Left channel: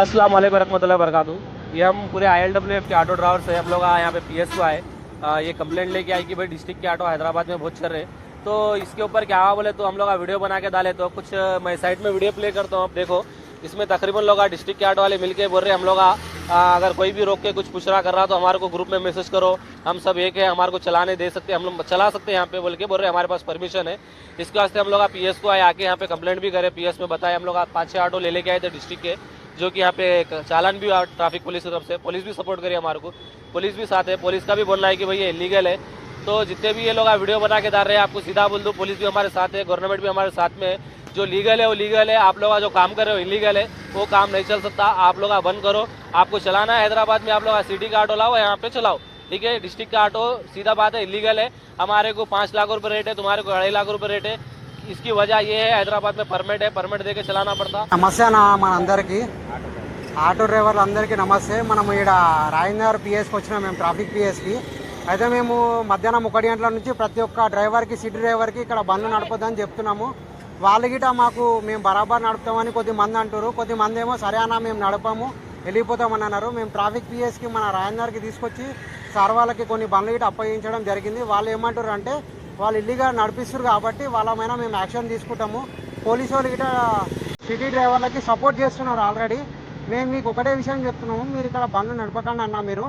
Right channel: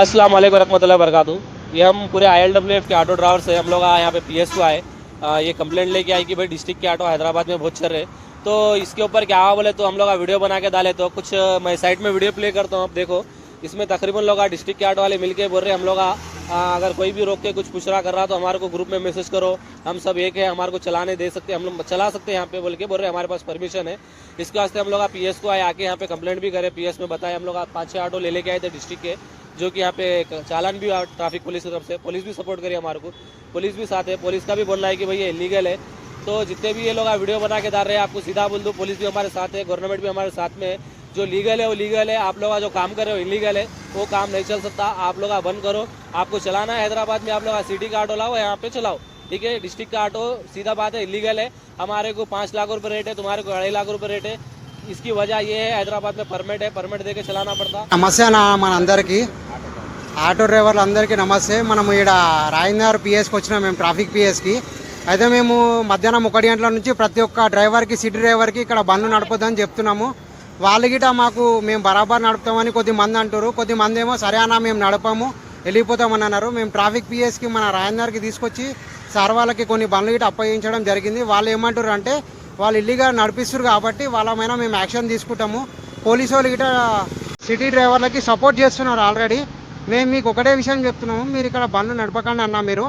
अस्सलाम वालेकुम रहमतुल्लाहि वबरकातुहू। ये हम पूरे ILWF के ऑटो ड्राइवर से हम लोग यहाँ पे PSU आए। ये कंप्लेंट लेके आई कि भाई डिस्ट्रिक्ट के ऑटो हैदराबाद में बहुत चल रहे। तो इसके ऊपर क्या हुआ बोले तो हम लोग वीडियो बना के डाले। तो कुछ मैं साइड में वीडियो प्ले करता हूँ, अब देखो। इसमें तकरीबन लोग डिस्ट्रिक्ट के ऑटो वाले मिलके बोल रहे हम लोग अगर कोई भी रोक के कुछ पूछ रहा कर रहा तो हमारे को ग्रुप में मैसेज करो, हम सब एक है, हमारे को चलाने दे सकते, हम लोग चला सकते हैं यहाँ पे बोल के बोल रहे हमारे पास परमिशन है। इसके वास्ते हम लोग PS को आए, आके यहाँ पे कंप्लेंट भी करे। PS में बताया हम लोग 5-6 ऑटो ले लेके आए थे डिस्ट्रिक्ट के, जो कि यहाँ पे चालान भी ट्रैफिक पुलिस की तरफ से, पुलिस भी सपोर्ट करी हमारे को, पुलिस भी साथ है। पुलिस का भी बोलना है कि भाई ये इलीगल है। तो जितने भी ये लोग वीडियो बना के डाल रहे हैं, आपको सीधा बोल दो, पुलिस भी हमारे साथ है, गवर्नमेंट भी हमारे साथ में है। जो लीगल है वो लीगल है, आप लोग जो काम कर रहे हो इलीगल है, वो काम नहीं चल सकता। आप लोग बंद करो। आपको चलाना है हैदराबाद में, आप लोग सिटी का ऑटो लाओ, यहाँ पे चलाओ, ठीक है। डिस्ट्रिक्ट का ऑटो सीधा बात है इलीगल है। हमारे को 5 लाख रुपये रेट है, तुम्हारे को 2.5 लाख रुपये रेट है। इसकी वजह ये है हैदराबाद में परमिट है, परमिट दे के चलाना पड़ता। నమస్తే మనందరికీ ఆటో డ్రైవర్లందరికీ నమస్తే। మనం ఇక్కడ రాజేందర్ పిఎస్కి వచ్చినాం, మేము ట్రాఫిక్ పిఎస్కి. అయితే మేము మధ్యాహ్నం 1 గంటల నుంచి ప్రతి ఒక్క డ్రైవర్కి, సిటీ డ్రైవర్కి ఇక్కడ బండ్లు నడపొద్దని చెప్తున్నాము. వాళ్ళు గిట మాకు మేము బరాబర్ నడుపుతామని కొద్దిమంది అంటారు, కొద్దిమంది ఏమో సరే అన్న మేము నడపము వెళ్ళిపోతామని అన్నారు. మేము ట్రాఫిక్ పిఎస్కి మన రాజేందర్కి తీసుకొచ్చి సార్ వాళ్ళకి కొన్ని బండ్లు గిట అప్పగించడం జరిగింది. వాళ్ళు ఏమంటారు అంటే వాళ్ళు ఇల్లీగా నడిపిస్తారు కాబట్టి వాళ్ళ మీద మేము యాక్షన్ తీసుకుంటాము. పోలీసు వాళ్ళు గిట సిటీ డ్రైవర్లకి సపోర్ట్ చేస్తున్నారు ఆల్రెడీ. మేము మీకు ఒకటే విషయం చెప్తున్నాము, మీరు ఇక్కడ బండ్లు నడపకండి అన్న. మీరు